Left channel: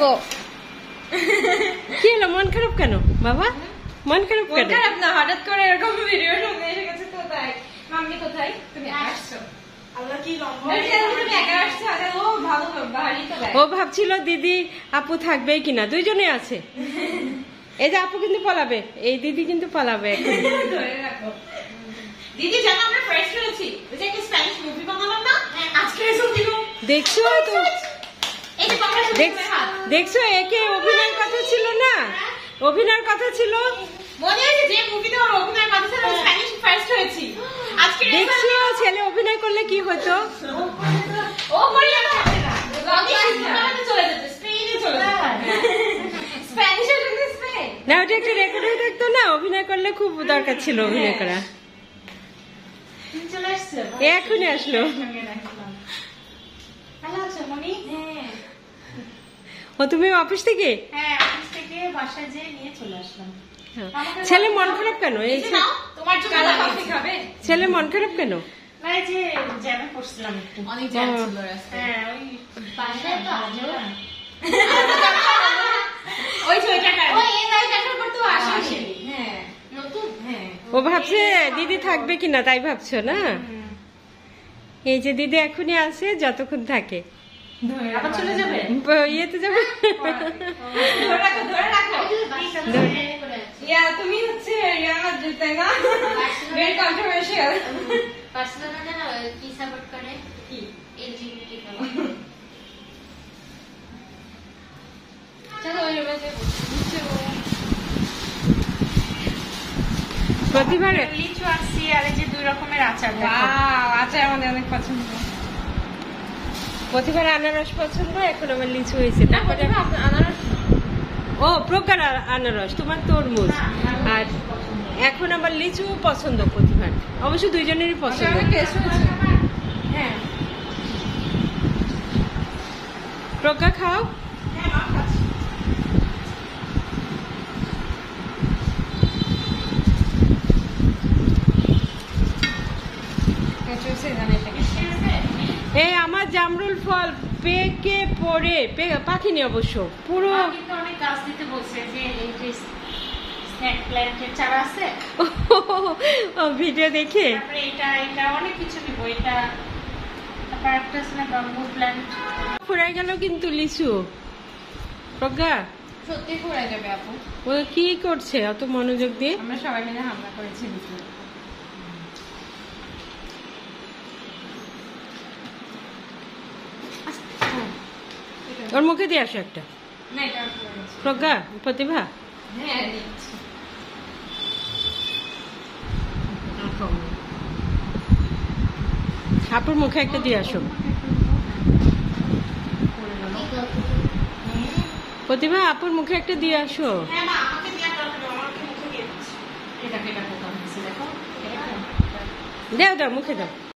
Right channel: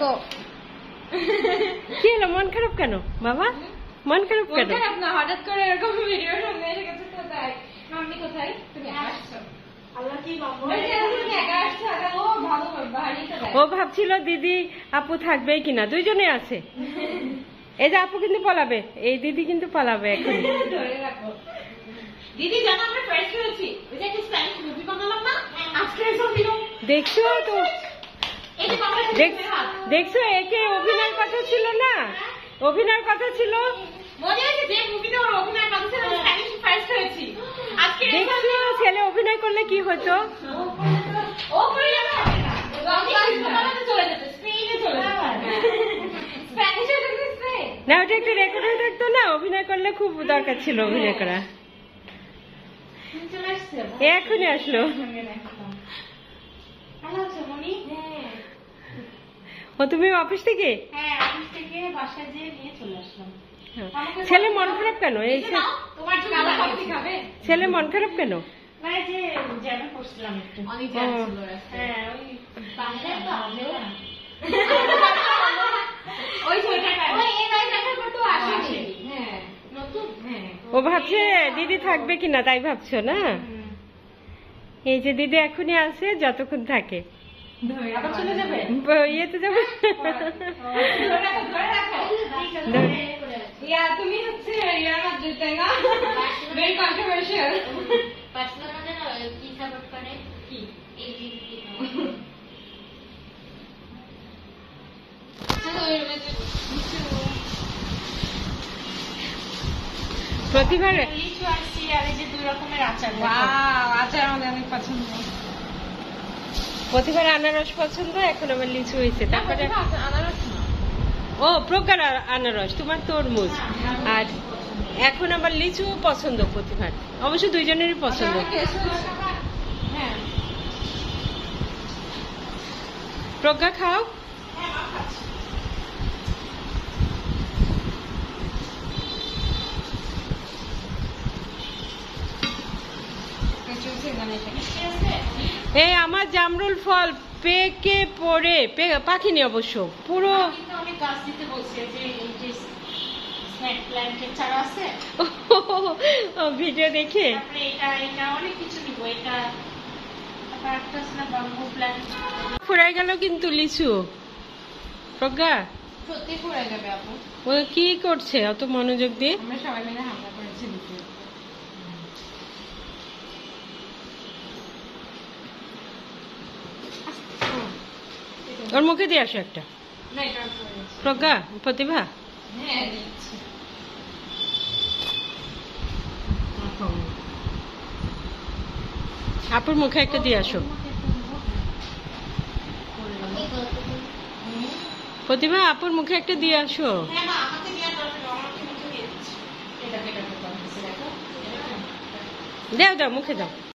করবো। কি হলো, মন খারাপ কেন বাবা? মন খারাপ কেন? না, হঠাৎ করে এরকম ভিডিও শুনে এসে গেছে। কোথায় মাম্মি, কোথায় তুমি আসছো? ও ভাবছিল দিদি আপু থাকবে কিনা, দুইজনে আছে। এই যে আপু কিন্তু পলাবে, এই দিদি কিন্তু পলাবে এখন। ধরে রাখো দিদি, জানো আমরা ফ্রেশ হয়েছি। ওই যে একটা স্প্যানিশ মুভি বানালাম না আজকে, দেখছো তো? দেখছো, একে অভিনয়ের কথা ছিল না, অভিনয়ের কথা ছিল। মনে আছে যে মুভিতে ওর অভিনয়ের কথা ছিল, স্প্যানিশ ফার্স্ট হয়েছি আজকে। দেখছো ছেলে অভিনয় করলে কি হতো? ও করলে না, চলে যেত, স্পেনে চলে যেত। স্প্যানিশের জন্য স্পেন না, ওটা একটা রেকর্ড হয়ে থাকতো না, অভিনয় করলে খুব দরকার ছিল অভিনয় করা। চলে আসছে, এখনই আসলো। ভালো আছো মনি? ও তুমি অফিস থেকে? হ্যাঁ, অফিস থেকে বাসায় যেয়ে নিয়ে চলে আসলাম। ছেলে মন খারাপ কেন? এই তোমার জন্য কফি খাবে? ছেলে মন খারাপ কেন? না, এই যে জ্যামে পড়ছিলাম একটু। অনেক জ্যাম ছিল রাস্তায়। হ্যাঁ, ওই বাসায় তো আসলো না। ওই ছয়টা কাজ। ওই এই লাইট আসার পর তো আসেনি। হ্যাঁ, নতুন। হ্যাঁ। ও ভাবছে দিদি থাকবে কিনা, তাই ভাবছো না? এই যে দিদি এখনই আসে, যতক্ষণ থাকে। আবার চলে যাবে? ইয়েতে যাবে। ধরে রাখো, ধরে রাখো। ইয়া, তুমি হচ্ছে ইয়ার তাই না? Very controversial. বার্সেলোনা জানো কি সাপোর্ট করে? কি? এলজিবিটি কে। প্রতিভা লিচু আসছি, আর এই যে দুই রকমের আচার। আচার আমাদের অনেক পছন্দ। প্রতিভার আনারস পছন্দ, এখন আমার লিচু হয়েছে। তারপরে ও প্রকার আনারস, তোমার তরমুজ, আর এখন আবার লিচু পছন্দ প্রতিভার। অবশ্য দুইজনেরই পছন্দ। হ্যাঁ, প্রজ্ঞা খাও। এই আমার জামরুল ফল পেকে পড়ে পাখিনি অবশ্য পুরো। অনেক গাছ দিতে বলছে, যে এই যে স্নেক প্ল্যান্টের চারা আছে, ভিডিও দেখে। তারপরে এটা অনেক কিছু দিব। এটা তারপর একটা আছে না ব্যাম্বু প্ল্যান্ট। ফুরাই গেল কিন্তু লিচু। প্রজ্ঞা সত্যি ফুরাই যাবে আপু। ও কি করছে অত মনোযোগ দিয়ে? আমরা সবাই মিলে হামলা করেছি লিচু। ওর মুখে দিয়ে আসো একটা। না, এটা প্রজ্ঞা, প্রতিভা, হ্যাঁ দিচ্ছি। আপুর মুখে একটা দিয়ে আসো। প্রতিভা, আপুর মুখে একটা দিয়ে আসো। হ্যাঁ মা, আমাকে দেওয়ার দরকার নেই, আমাকে মুখে দিয়ে দিচ্ছি। এটা দেখো, দাও দাও, মুখে দাও।